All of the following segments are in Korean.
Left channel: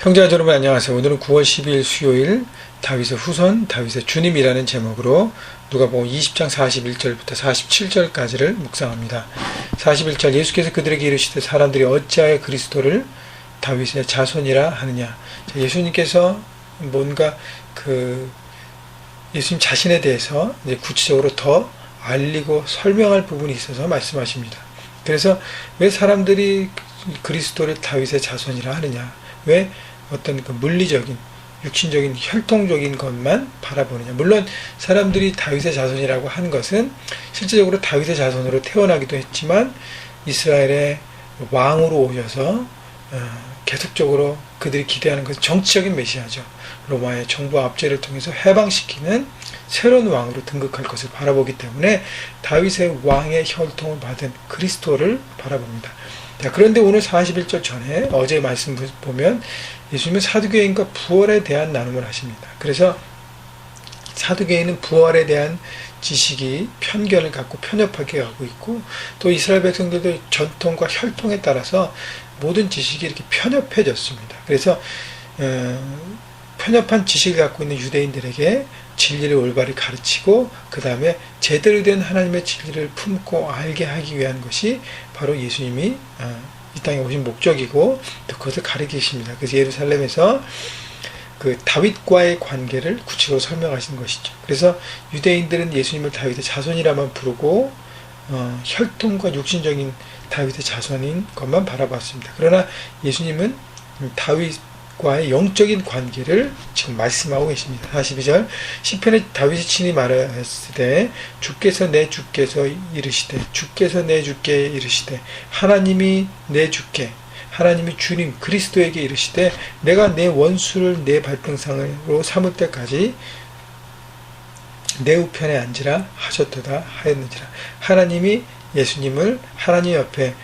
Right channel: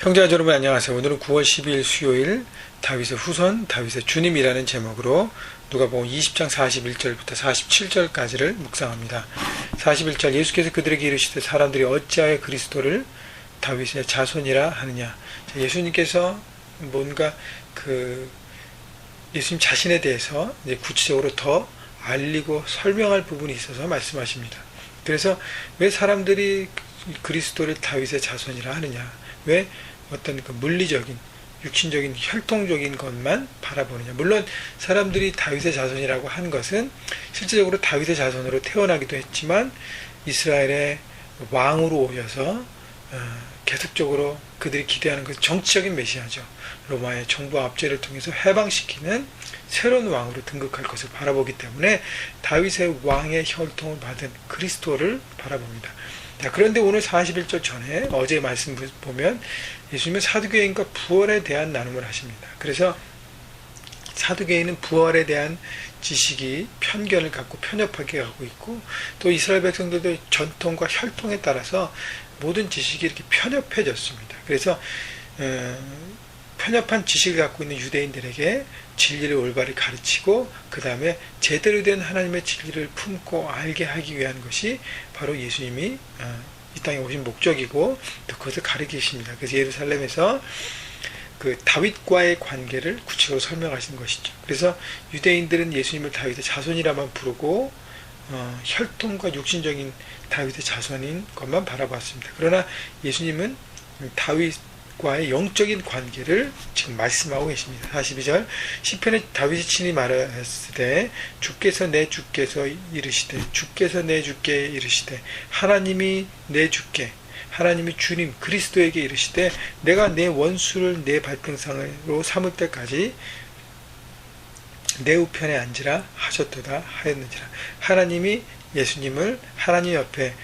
형제자 여러분 안녕하세요. 오늘은 9월 12일 수요일 다윗의 후손, 다윗의 주님이라는 제목으로 누가복음 20장 41절부터 47절까지를 묵상합니다. 41절 예수께서 그들에게 이르시되 사람들이 어찌하여 그리스도를 다윗의 자손이라 하느냐. 예수님께서 뭔가 예수님 자신에 대해서 이제 구체적으로 더 알리고 설명할 부분이 있어서 말씀하십니다. 그래서 왜 사람들이 그리스도를 다윗의 자손이라 하느냐, 왜 어떤 물리적인 육신적인 혈통적인 것만 바라보느냐. 물론 사람들이 다윗의 자손이라고 한 것은 실제적으로 다윗의 자손으로 태어나기도 했지만 이스라엘의 왕으로 오셔서 계속적으로 그들이 기대하는 것은 정치적인 메시아죠. 로마의 정부 압제를 통해서 해방시키는 새로운 왕으로 등극할 것을 바라보기 때문에 다윗의 왕의 혈통을 받은 그리스도를 바라봅니다. 자, 그런데 오늘 41절 전에 어제 말씀 보면 예수님은 사두개인과 부활에 대한 나눔을 하십니다. 그래서 사두개인은 부활에 대한 지식이 편견을 갖고 편협하게 하고 있고, 또 이스라엘 백성들도 전통과 혈통에 따라서 모든 지식이 이렇게 편협해졌습니다. 그래서 편협한 지식을 갖고 있는 유대인들에게 진리를 올바르게 가르치고 그 다음에 제대로 된 하나님의 진리를 품고 알게 하기 위한 것이 바로 예수님이 이 땅에 오신 목적이고 또 그것을 가르치십니다. 그래서 예루살렘에서 그 다윗과의 관계를 구체적으로 설명하신 것이죠. 그래서 유대인들은 예수님을 다윗의 자손이라만 부르고 혈통과 육신적인 다윗의 자손인 것만 바라봤습니다. 그러나 예수님은 다윗과의 영적인 관계를 지금 말씀하고 계십니다. 42절 시편에 다윗이 친히 말하였으되 주께서 내 주께서 이르시되 주께서 내 주께 이르시되 하나님이 내 주께 하나님이 주님 그리스도에게 이르시되 내가 내 원수를 내 발등상으로 삼을 때까지 내 우편에 앉으라 하셨도다 하였는지라. 하나님이 예수님을 하나님 옆에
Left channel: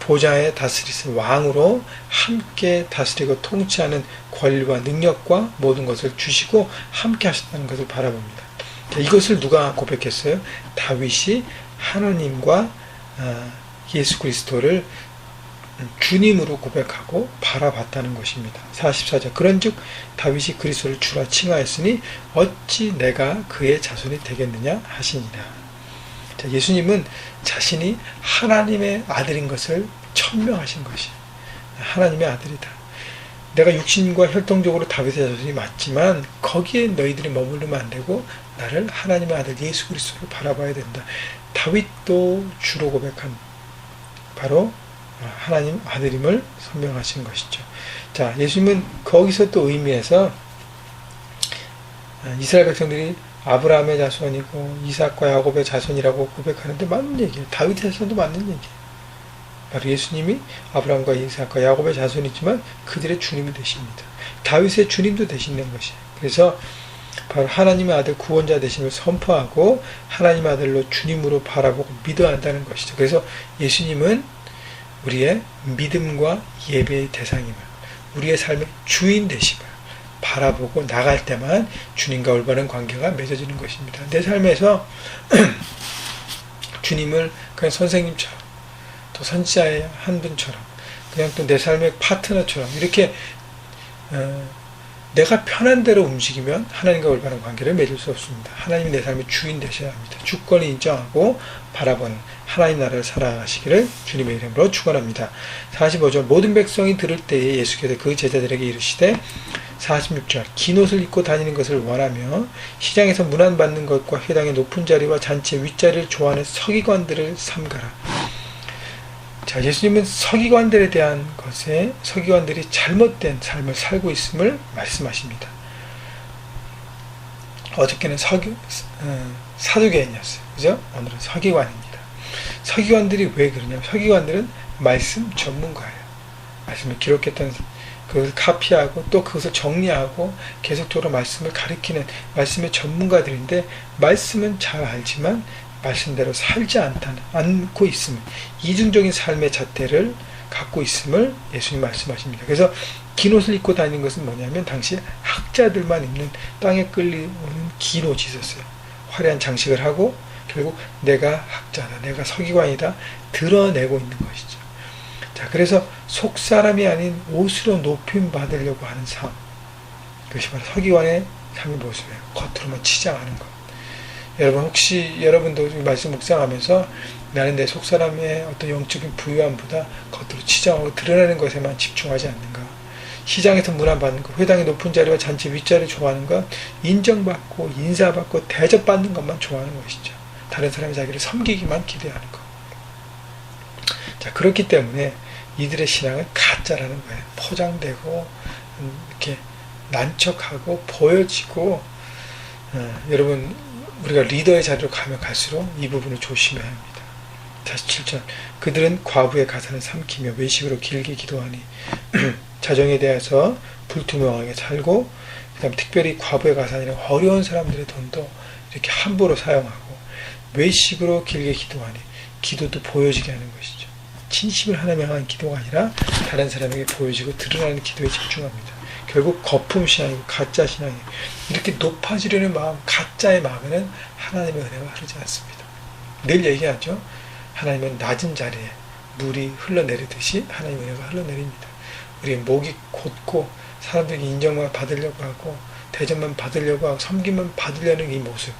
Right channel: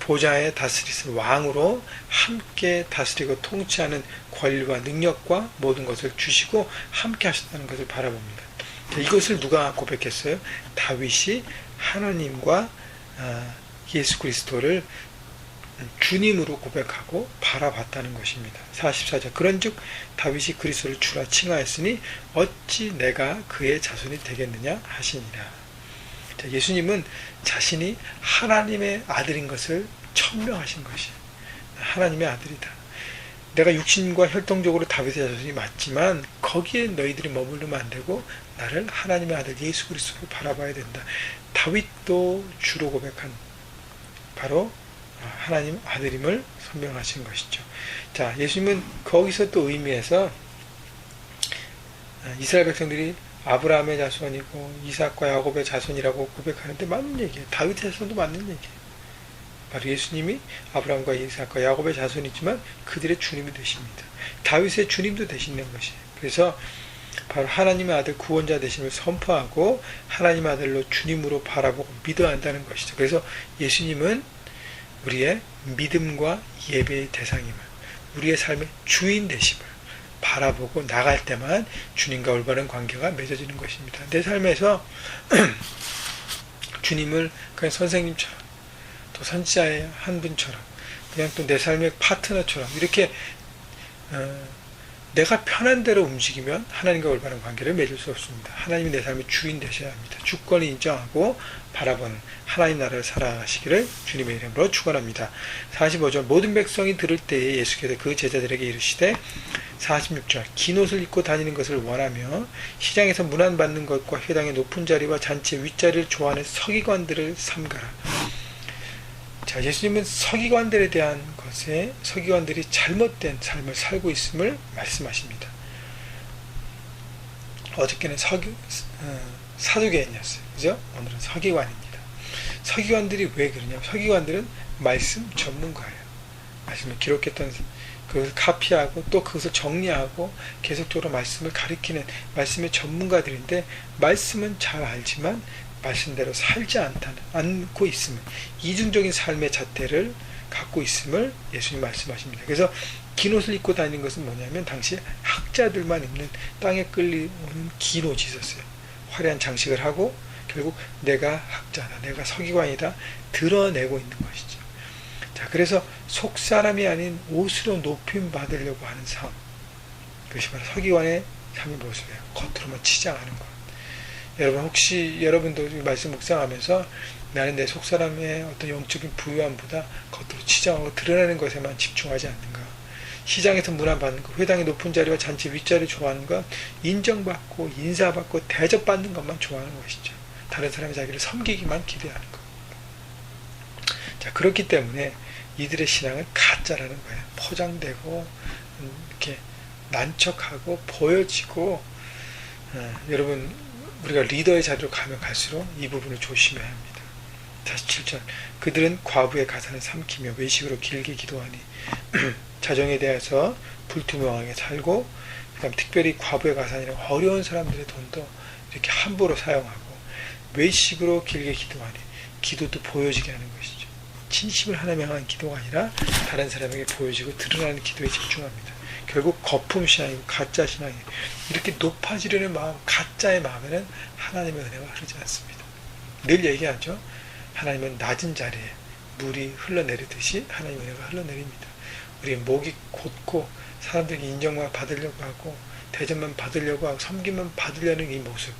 보좌에 다스리신 왕으로 함께 다스리고 통치하는 권리와 능력과 모든 것을 주시고 함께 하셨다는 것을 바라봅니다. 이것을 누가 고백했어요? 다윗이 하나님과 예수 그리스도를 주님으로 고백하고 바라봤다는 것입니다. 44절 그런즉 다윗이 그리스도를 주라 칭하였으니 어찌 내가 그의 자손이 되겠느냐 하시니라. 자, 예수님은 자신이 하나님의 아들인 것을 천명하신 것이에요. 하나님의 아들이다. 내가 육신과 혈통적으로 다윗의 자손이 맞지만 거기에 너희들이 머무르면 안 되고 나를 하나님의 아들 예수 그리스도로 바라봐야 된다. 다윗도 주로 고백한 바로 하나님 아들임을 선명하신 것이죠. 자, 예수님은 거기서 또 의미해서 이스라엘 백성들이 아브라함의 자손이고 이삭과 야곱의 자손이라고 고백하는데 맞는 얘기예요. 다윗의 자손도 맞는 얘기예요. 바로 예수님이 아브라함과 이삭과 야곱의 자손이지만 그들의 주님이 되십니다. 다윗의 주님도 되시는 것이에요. 그래서 바로 하나님의 아들 구원자 되심을 선포하고 하나님의 아들로 주님으로 바라보고 믿어야 한다는 것이죠. 그래서 예수님은 우리의 믿음과 예배의 대상임을, 우리의 삶의 주인 되심을 바라보고 나갈 때만 주님과 올바른 관계가 맺어지는 것입니다. 내 삶에서 주님을 그냥 선생님처럼 또 선지자의 한 분처럼 그냥 또 내 삶의 파트너처럼 이렇게 내가 편한 대로 움직이면 하나님과 올바른 관계를 맺을 수 없습니다. 하나님이 내 삶의 주인 되셔야 합니다. 주권을 인정하고 바라보는 하나님 나라를 살아가시기를 주님의 이름으로 축원합니다. 45절 모든 백성이 들을 때에 예수께서 그 제자들에게 이르시되 46절 긴 옷을 입고 다니는 것을 원하며 시장에서 문안받는 것과 회당의 높은 자리와 잔치의 윗자리를 좋아하는 서기관들을 삼가라. 자, 예수님은 서기관들에 대한 것에 서기관들이 잘못된 삶을 살고 있음을 말씀하십니다. 어저께는 사두개인이었어요. 그죠? 오늘은 서기관입니다. 서기관들이 왜 그러냐면 서기관들은 말씀 전문가예요. 말씀을 기록했던 그것을 카피하고 또 그것을 정리하고 계속적으로 말씀을 가리키는 말씀의 전문가들인데 말씀은 잘 알지만 말씀대로 살지 않고 있음을, 이중적인 삶의 잣대를 갖고 있음을 예수님 말씀하십니다. 그래서 긴 옷을 입고 다니는 것은 뭐냐면 당시 학자들만 입는 땅에 끌리는 긴 옷이 있었어요. 화려한 장식을 하고 결국 내가 학자다, 내가 서기관이다 드러내고 있는 것이죠. 자, 그래서 속사람이 아닌 옷으로 높임 받으려고 하는 삶. 그것이 바로 서기관의 삶의 모습이에요. 겉으로만 치장하는 것. 여러분, 혹시 여러분도 말씀 묵상하면서 나는 내 속사람의 어떤 영적인 부유함보다 겉으로 치장하고 드러내는 것에만 집중하지 않는가? 시장에서 문안받는 것, 회당의 높은 자리와 잔치 윗자리 좋아하는 것, 인정받고 인사받고 대접받는 것만 좋아하는 것이죠. 다른 사람이 자기를 섬기기만 기대하는 것. 자, 그렇기 때문에 이들의 신앙은 가짜라는 거예요. 포장되고 이렇게 난척하고 보여지고, 여러분, 우리가 리더의 자리로 가면 갈수록 이 부분을 조심해야 합니다. 47절, 그들은 과부의 가산을 삼키며 외식으로 길게 기도하니 자정에 대해서 불투명하게 살고, 그 다음 특별히 과부의 가산이나 어려운 사람들의 돈도 이렇게 함부로 사용하고, 외식으로 길게 기도하니 기도도 보여지게 하는 것이죠. 진심을 하나님을 향한 기도가 아니라 다른 사람에게 보여지고 드러나는 기도에 집중합니다. 결국 거품 신앙이고 가짜 신앙이에요. 이렇게 높아지려는 마음, 가짜의 마음에는 하나님의 은혜가 흐르지 않습니다. 늘 얘기하죠. 하나님은 낮은 자리에 물이 흘러내리듯이 하나님의 은혜가 흘러내립니다. 우리의 목이 곧고 사람들에게 인정만 받으려고 하고 대접만 받으려고 하고 섬김만 받으려는 이 모습,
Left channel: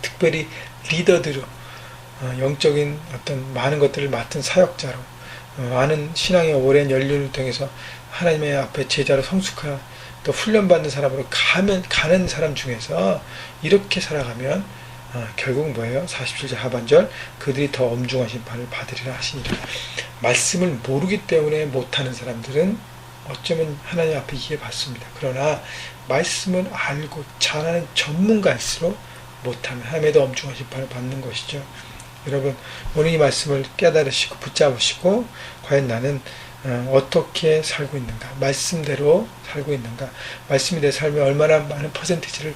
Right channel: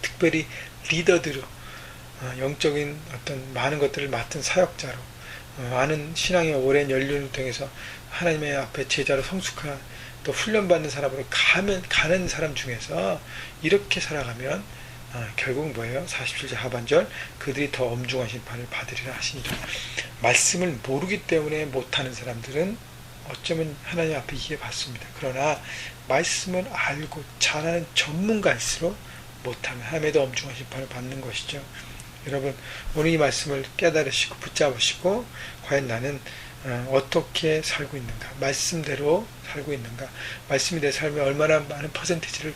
특별히 리더들로 영적인 어떤 많은 것들을 맡은 사역자로 많은 신앙의 오랜 연륜을 통해서 하나님의 앞에 제자로 성숙한 또 훈련받는 사람으로 가는 사람 중에서 이렇게 살아가면 결국 뭐예요? 47절 하반절, 그들이 더 엄중한 심판을 받으리라 하시니라. 말씀을 모르기 때문에 못하는 사람들은 어쩌면 하나님 앞에 이해받습니다. 그러나 말씀을 알고 잘하는 전문가일수록 못하면 하나님의 더 엄중한 심판을 받는 것이죠. 여러분, 오늘 이 말씀을 깨달으시고 붙잡으시고 과연 나는 어떻게 살고 있는가, 말씀대로 살고 있는가, 말씀이 내 삶에 얼마나 많은 퍼센티지를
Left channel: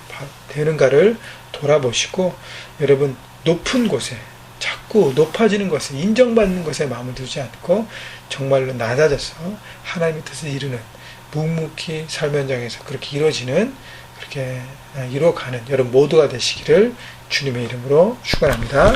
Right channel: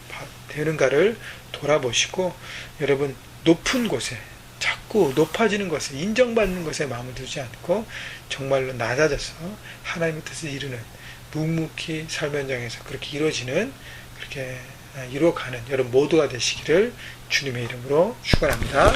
되는가를 돌아보시고, 여러분, 높은 곳에 자꾸 높아지는 것에, 인정받는 것에 마음을 두지 않고 정말로 낮아져서 하나님의 뜻을 이루는, 묵묵히 삶 현장에서 그렇게 이루어지는, 그렇게 이루어가는 여러분 모두가 되시기를 주님의 이름으로 축원합니다.